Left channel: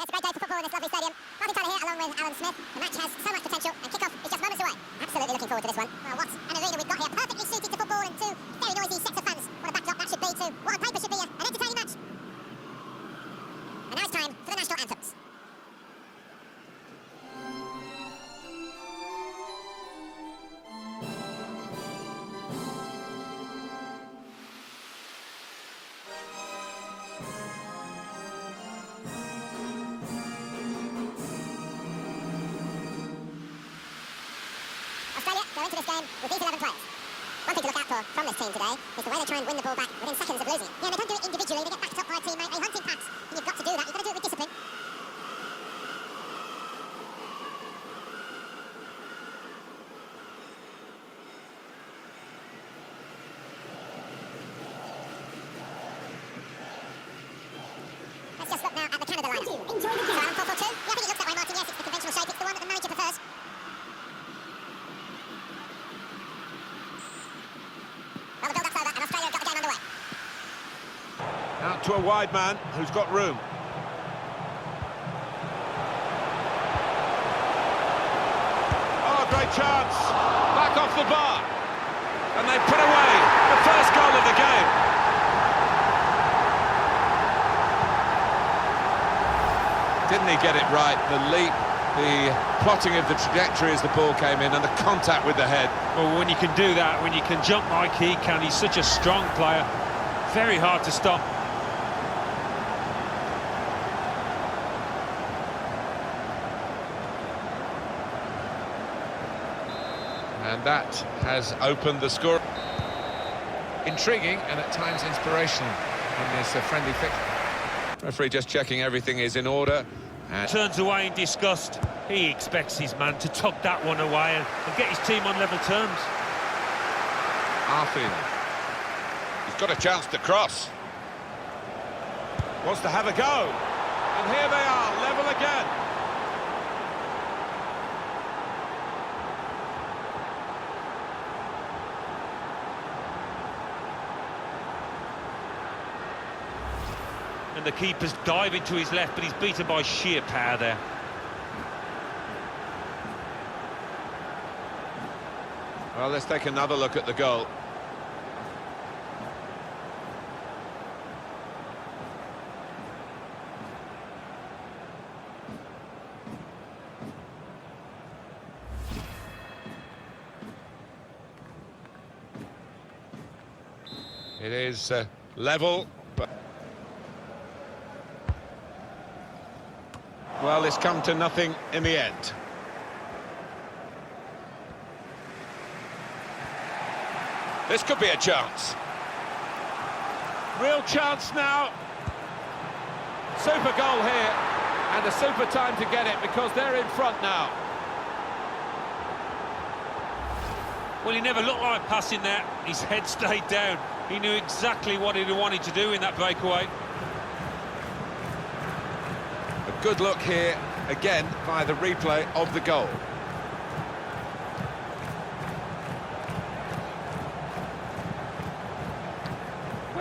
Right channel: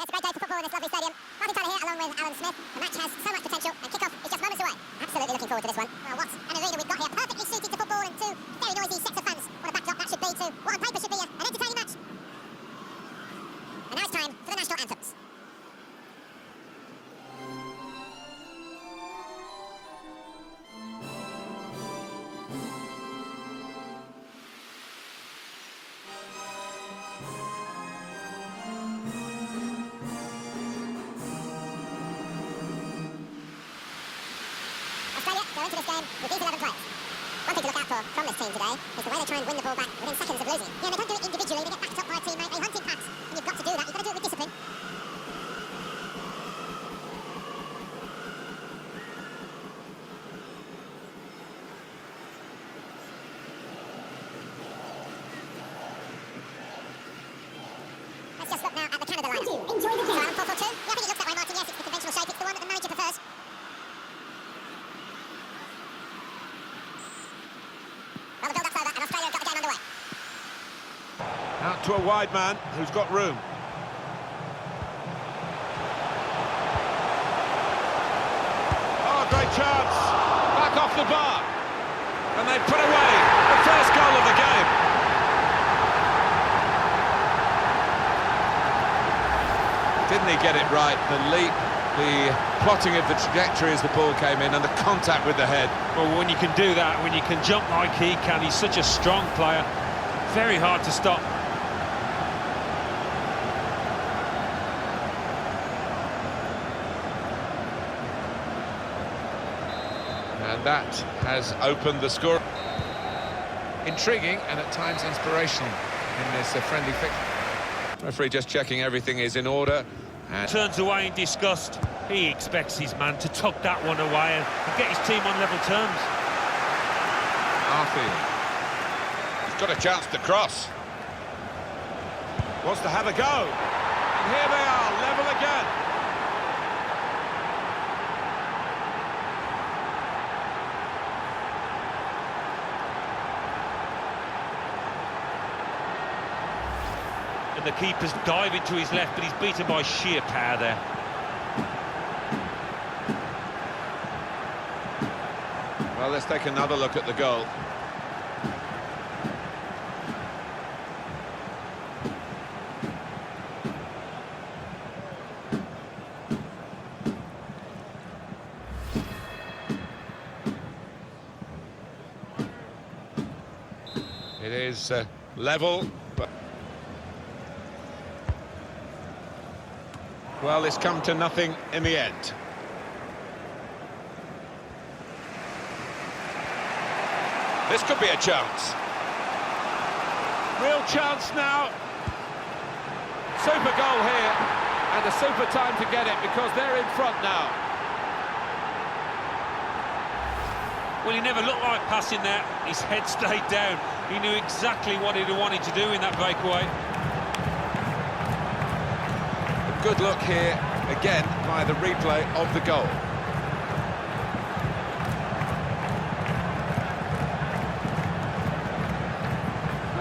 It's a great day for football in this lovely stadium. Martin Tyler here, along with Alan Smith. The match has so much potential, and kick-off is just moments away. Absolutely looking forward to this one. Well, what an arena we've got here. Perfectly suited to football and two very noisy sets of fans. What a backdrop that should be to what on paper should be an entertaining match. And now it's time for the national anthems. Australia go into this game with these 11 players. One thing to look out for from this team today is the way they try and win the ball back within seconds of losing it. Yeah, they don't do it individually, they get backed up by a teammate, they hunt in packs, and you've got to do that, you've got to do it with discipline. Let's just look now at the Canada line. Enjoy the game. So, 4-4-2? Yeah, I think it looks that way, Martin. Yes, it's the conventional shape, it's the one that the manager prefers. Well, the build-up's over, and Australia have got the game underway. Out to a wide man who's got room. Oh, great chance. Back off the bar. And they put away the first goal of the game. Didn't he get it right? The leap, the plotting of the trajectory as the ball came in, and the contact with the head. Well, when you can do that, when you can jump like he can, he's such a strong player. Very hard to stop. And that has opened the score. Intriguing and at times inspirational in this friendly fixture. Referee just checking everything is in order. And Turns away in disgust. He expects his man to tuck that one away and get his team on level terms. Arfield. He's got a chance to cross. Wants to have a go. And here they are, level again. And the keeper's diving to his left, but he's beaten by sheer power there. Well, let's take another look at the goal. It is level, but well, it's come to nothing in the end. This could be a chance. Real chance now. Super goal here, and a super time to get it because they're in front now. Well, he never looked like passing there. His head stayed down. He knew exactly what he wanted to do in that breakaway. A good look here, again, via the replay of the goal.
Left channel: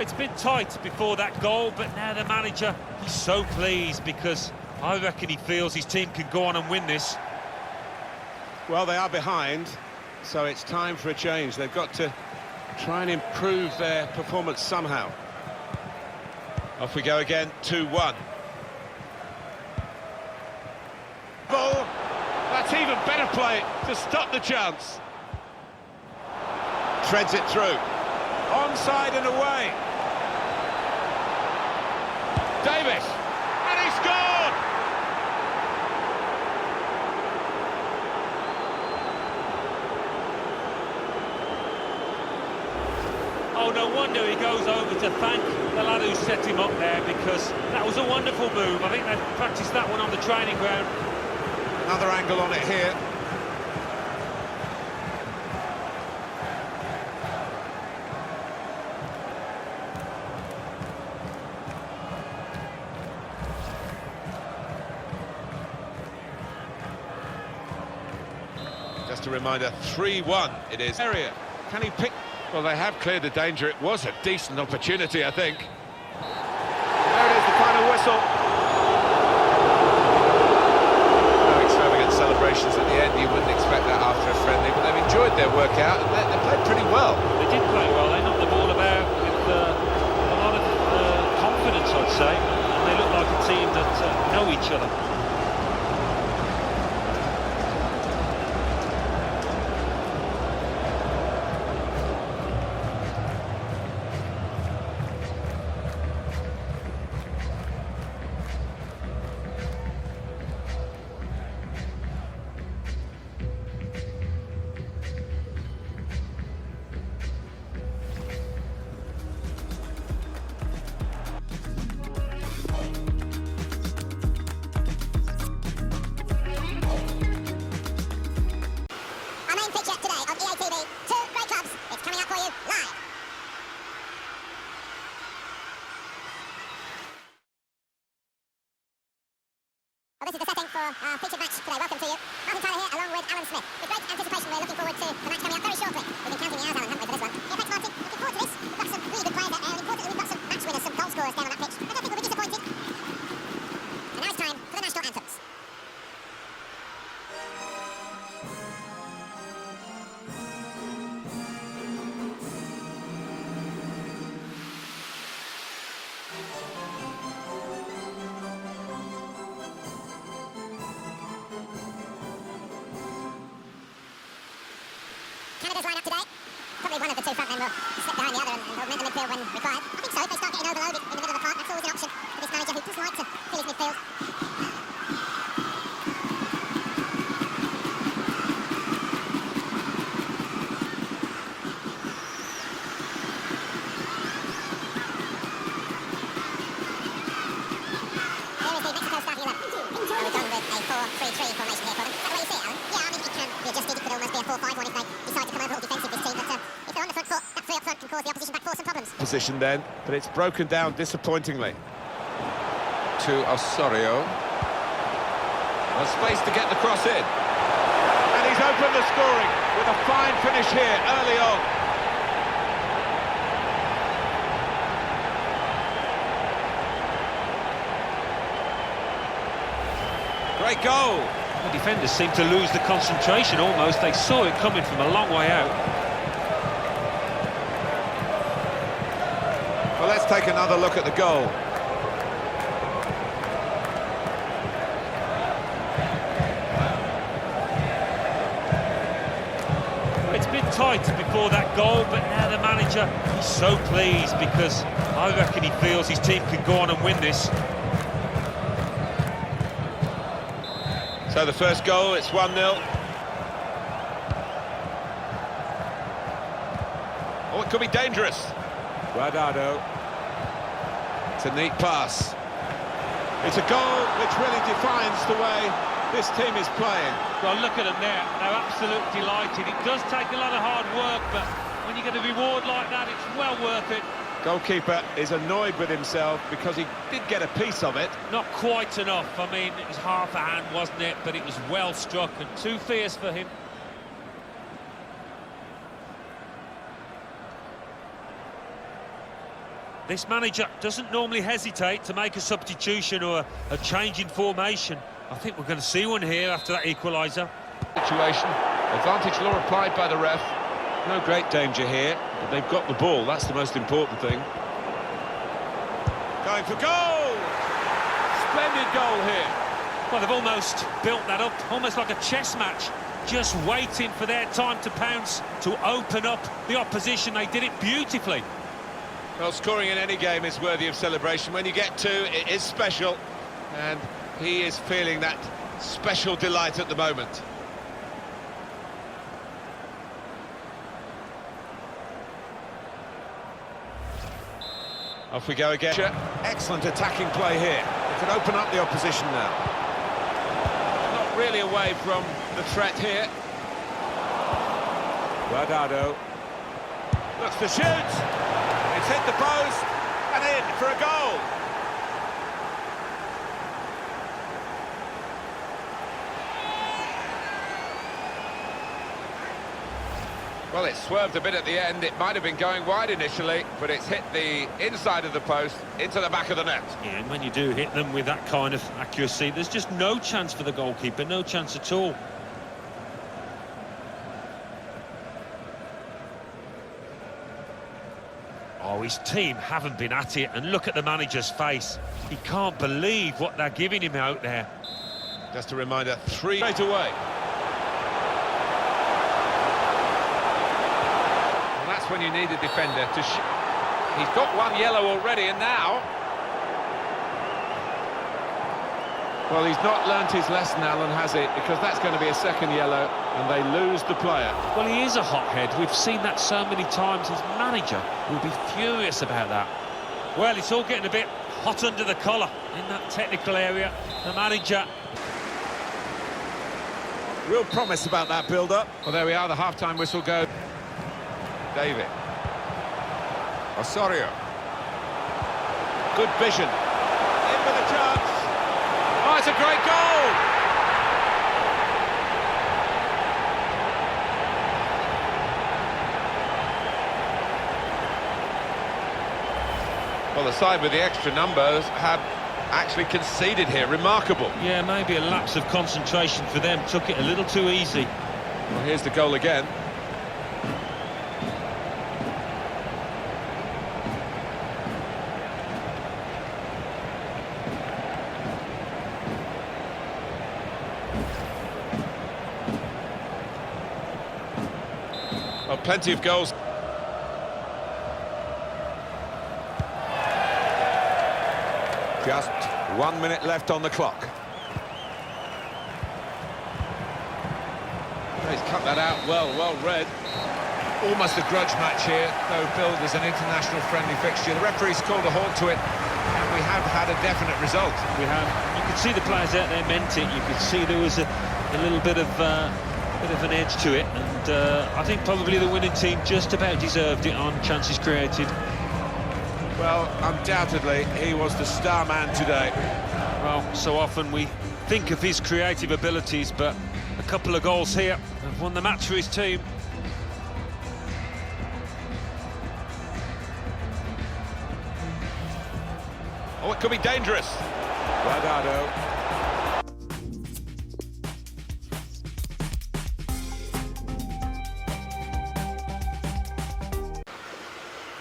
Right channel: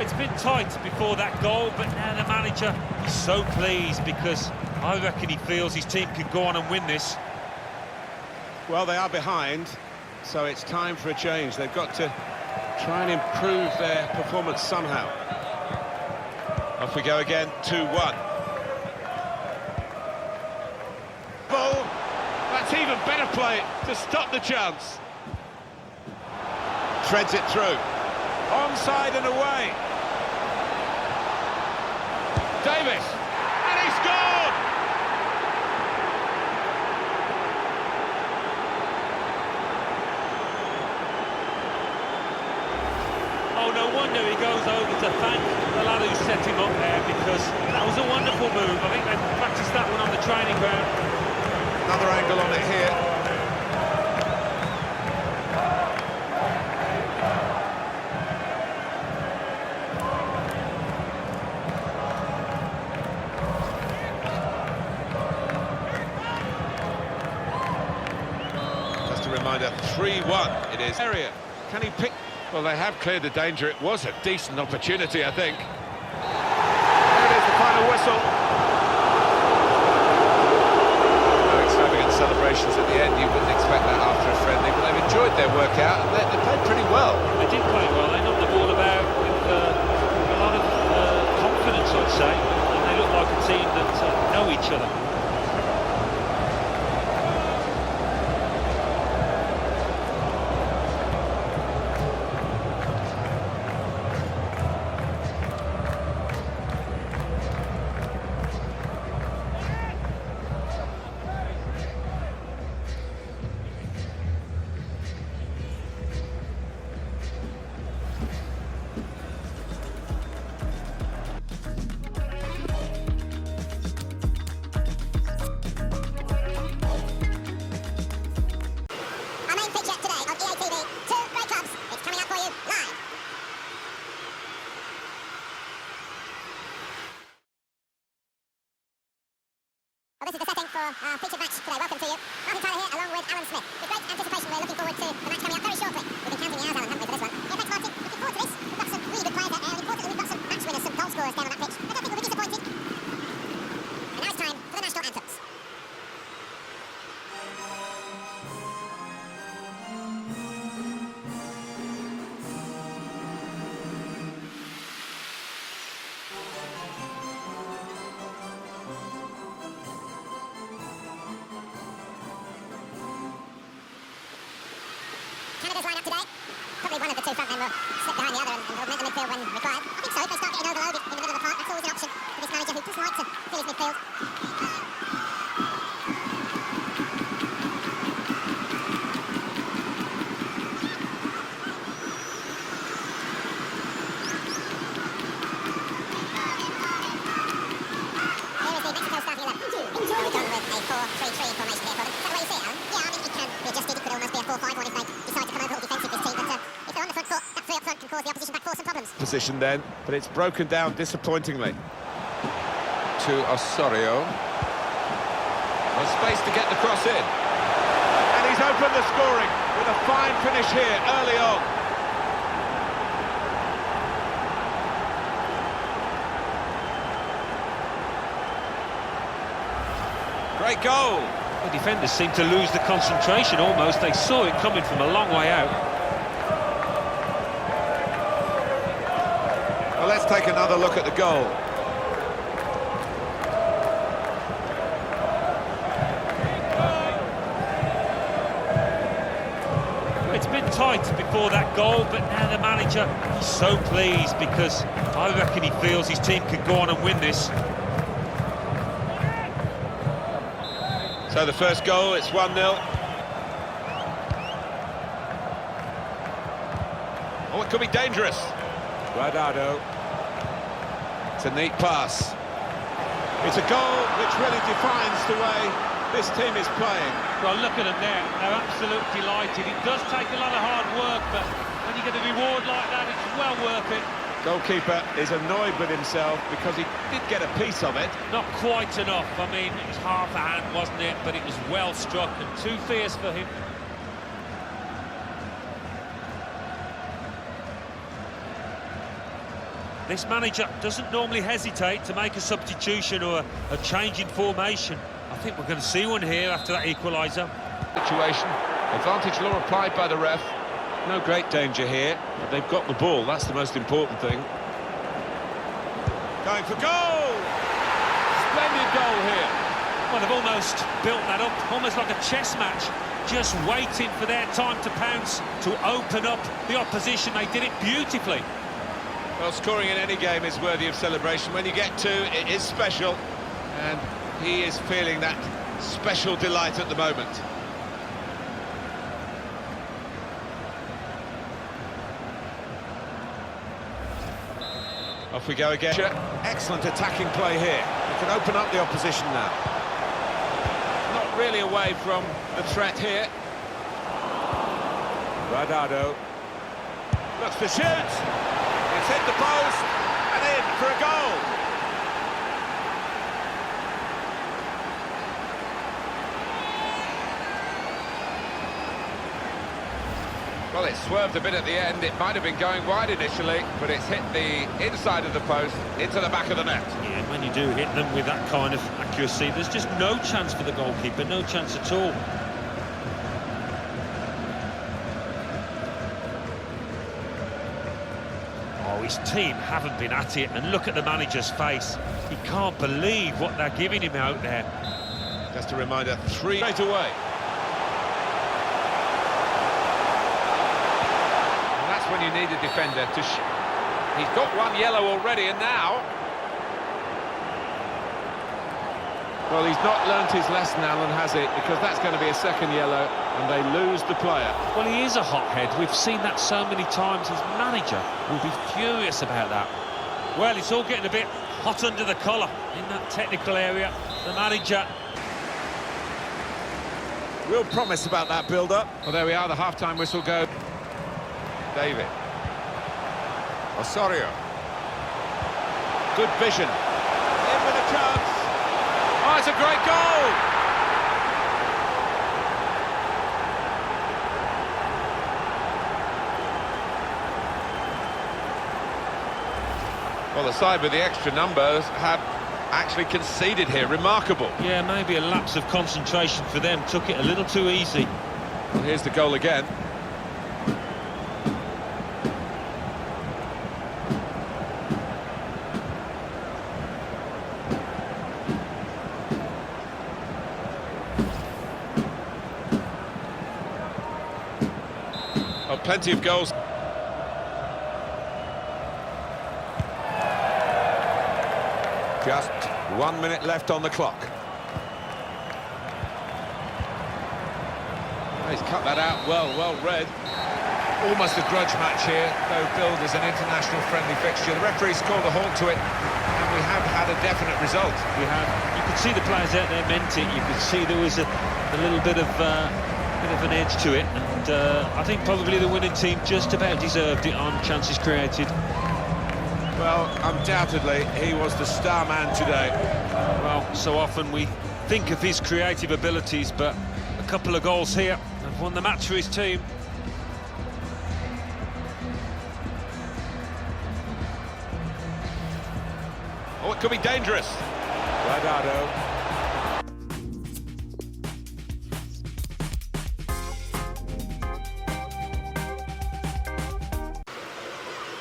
It's been tight before that goal, but now the manager, he's so pleased because I reckon he feels his team can go on and win this. Well, they are behind, so it's time for a change. They've got to try and improve their performance somehow. Off we go again, 2-1. Ball, that's even better play to stop the chance. Treads it through. Onside and away. Davis, and he scored! Oh, no wonder he goes over to thank the lad who set him up there, because that was a wonderful move. I think they've practiced that one on the training ground. Another angle on it here. Just a reminder, 3-1 it is. Area, can he pick? Well, they have cleared the danger. It was a decent opportunity, I think. There it is, the final whistle. celebrations at the end. You wouldn't expect that after a friendly, but they've enjoyed their workout and they played pretty well. They did play well. They knocked the ball about with a lot of confidence, I'd say, and they look like a team that know each other. Our main feature today on EA TV, two great clubs. It's coming up for you live. Well, this is the setting for our featured match today. Welcome to you. Martin Tyler here, along with Alan Smith. With great anticipation, we're looking forward to the match coming up very shortly. We've been counting the hours, Alan, haven't we, for this one? Yeah, thanks, Martin. Looking forward to this. We've got some really good players out there, and importantly, we've got some match winners, some goal scorers down on that pitch. I don't think we'll be disappointed. And now it's time for the national anthems. Canada's line-up today. Probably one of the two front men will slip behind the other and augment the midfield when required. I think so, if they start getting overloaded in the middle of the park, that's always an option for this manager who does like to fill his midfield. Here is the Mexico starting 11. Well, we've gone with a 4-3-3 formation here for them. Is that the way you see it, Alan? Yeah, I mean, it can be adjusted. It could almost be a 4-5-1 if they decide to come over all defensive, this team. But if they're on the front foot, that three up front can cause the opposition back four some problems. Position then, but it's broken down disappointingly. To Osorio. Well, space to get the cross in. And he's opened the scoring with a fine finish here early on. Great goal. The defenders seem to lose the concentration almost. They saw it coming from a long way out. Well, let's take another look at the goal. Well, it's been tight before that goal, but now the manager, he's so pleased because I reckon he feels his team can go on and win this. So the first goal, it's 1-0. Oh, it could be dangerous. Guardado. It's a neat pass. It's a goal which really defines the way this team is playing. Well, look at them there. They're absolutely delighted. It does take a lot of hard work, but when you get a reward like that, it's well worth it. Goalkeeper is annoyed with himself because he did get a piece of it. Not quite enough. I mean, it was half a hand, wasn't it? But it was well struck and too fierce for him. This manager doesn't normally hesitate to make a substitution or a change in formation. I think we're going to see one here after that equaliser. Situation. Advantage law applied by the ref. No great danger here, but they've got the ball. That's the most important thing. Going for goal! Splendid goal here. Well, they've almost built that up, almost like a chess match, just waiting for their time to pounce, to open up the opposition. They did it beautifully. Well, scoring in any game is worthy of celebration. When you get two, it is special, and he is feeling that special delight at the moment. Off we go again. Excellent attacking play here. It can open up the opposition now. Not really away from the threat here. Guardado looks to shoot. It's hit the post and in for a goal. Well, it swerved a bit at the end. It might have been going wide initially, but it's hit the inside of the post into the back of the net. Yeah, and when you do hit them with that kind of accuracy, there's just no chance for the goalkeeper, no chance at all. Oh, his team haven't been at it, and look at the manager's face. He can't believe what they're giving him out there. Just a reminder, 3 straight away. Well, that's when you need a defender to... He's got 1 yellow already, and now... Well, he's not learnt his lesson, Alan, has he? Because that's going to be a second yellow, and they lose the player. Well, he is a hothead. We've seen that so many times. His manager will be furious about that. Well, it's all getting a bit hot under the collar in that technical area. The manager... Real promise about that build-up. Well, there we are, the half-time whistle go. David. Osorio. Good vision. In with a chance. Oh, it's a great goal! Well, the side with the extra numbers have actually conceded here. Remarkable. Yeah, maybe a lapse of concentration for them. Took it a little too easy. Well, here's the goal again. Well, plenty of goals. Just 1 minute left on the clock. He's cut that out well read. Almost a grudge match here, though billed as an international friendly fixture. The referee's called a halt to it, and we have had a definite result. We have. You could see the players out there meant it. You could see there was a little bit of an edge to it, and I think probably the winning team just about deserved it on chances created. Well, undoubtedly, he was the star man today. Well, so often we think of his creative abilities, but a couple of goals here have won the match for his team. Oh, it could be dangerous. Guardado.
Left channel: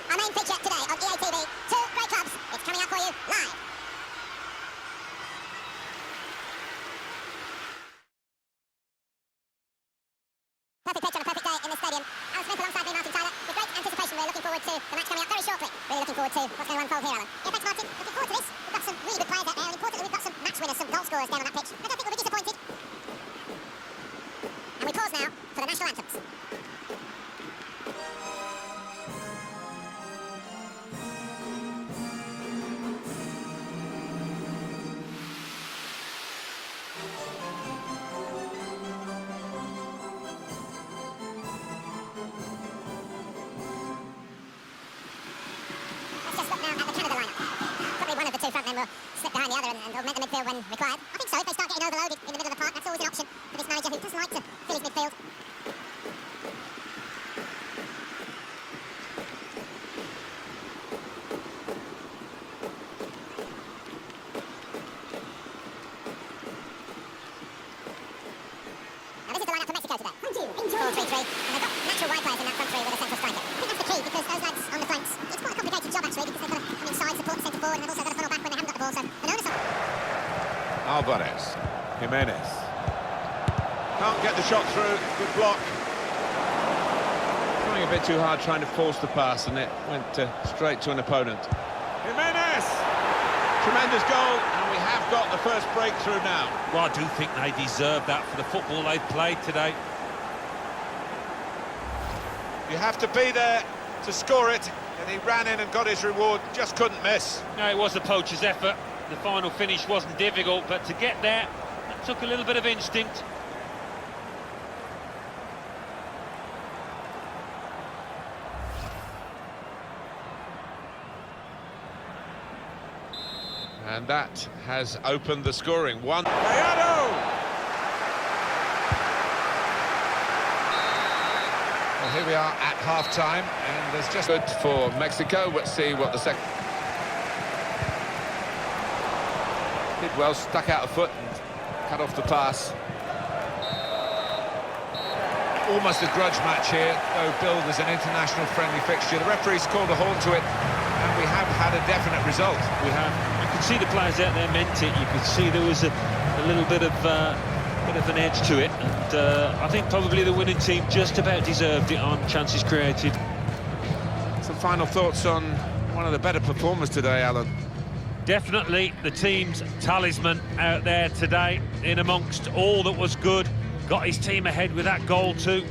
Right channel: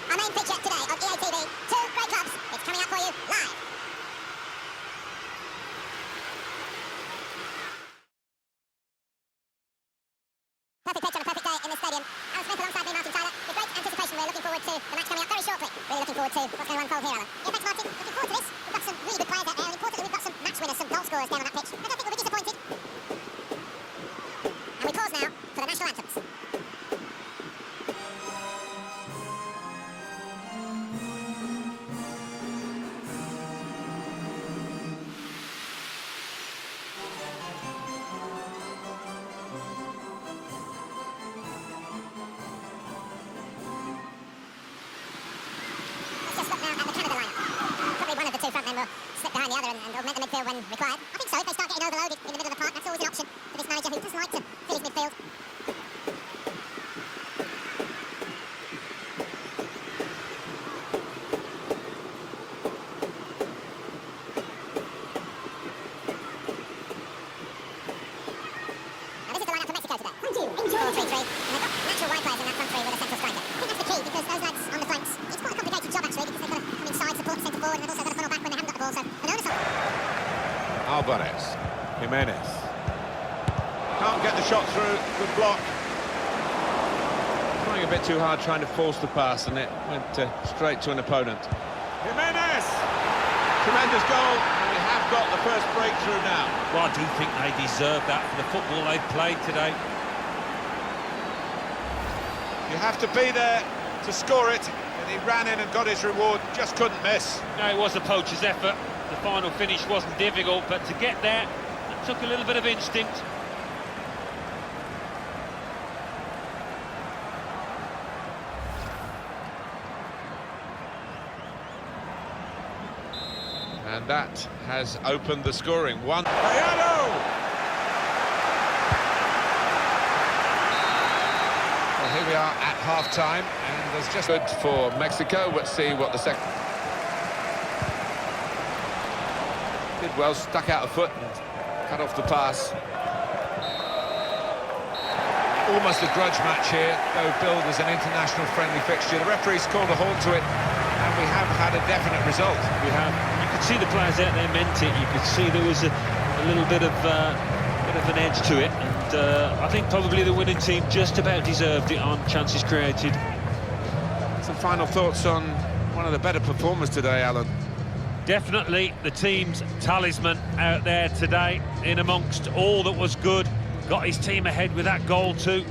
Our main feature today on EA TV, 2 great clubs. It's coming out for you live. Perfect pitch on a perfect day in this stadium. Alan Smith alongside me, Martin Tyler. With great anticipation, we're looking forward to the match coming up very shortly. Really looking forward to what's going to unfold here, Alan. Yeah, thanks, Martin. Looking forward to this. We've got some really good players out there, and importantly, we've got some match winners, some goal scorers down on that pitch. I don't think we'll be disappointed. And we pause now for the national anthems. Let's just look now at the Canada lineup. Probably one of the 2 frontmen will slip behind the other and augment the midfield when required. I think so, if they start getting overloaded in the middle of the park, that's always an option for this manager who doesn't like to fill his midfield. Now this is the lineup for Mexico today. Thank you. 4-3-3, and they've got natural wide players in that front three with a central striker. I think that's the key, because those lads on the flanks, it's quite a complicated job actually, because they've got to come inside, support the centre forward, and they've also got to funnel back when they haven't got the ball, so an onus on... Alvarez. Jimenez. Can't get the shot through. Good block. Trying a bit too hard, trying to force the pass, and it went straight to an opponent. Jimenez! Tremendous goal, and we have got the first breakthrough now. Well, I do think they deserve that for the football they've played today. You have to be there to score it, and he ran in and got his reward, just couldn't miss. No, it was a poacher's effort. The final finish wasn't difficult, but to get there, that took a little bit of instinct. And that has opened the scoring. Gallardo! Well, here we are at half-time, and there's just good for Mexico. Let's see what the second... Did well, stuck out a foot and cut off the pass. Almost a grudge match here, though billed as an international friendly fixture. The referee's called a halt to it, and we have had a definite result. We have. You could see the players out there meant it. You could see there was a little bit of an edge to it, and I think probably the winning team just about deserved it on chances created. Some final thoughts on one of the better performers today, Alan? Definitely the team's talisman out there today, in amongst all that was good. Got his team ahead with that goal too.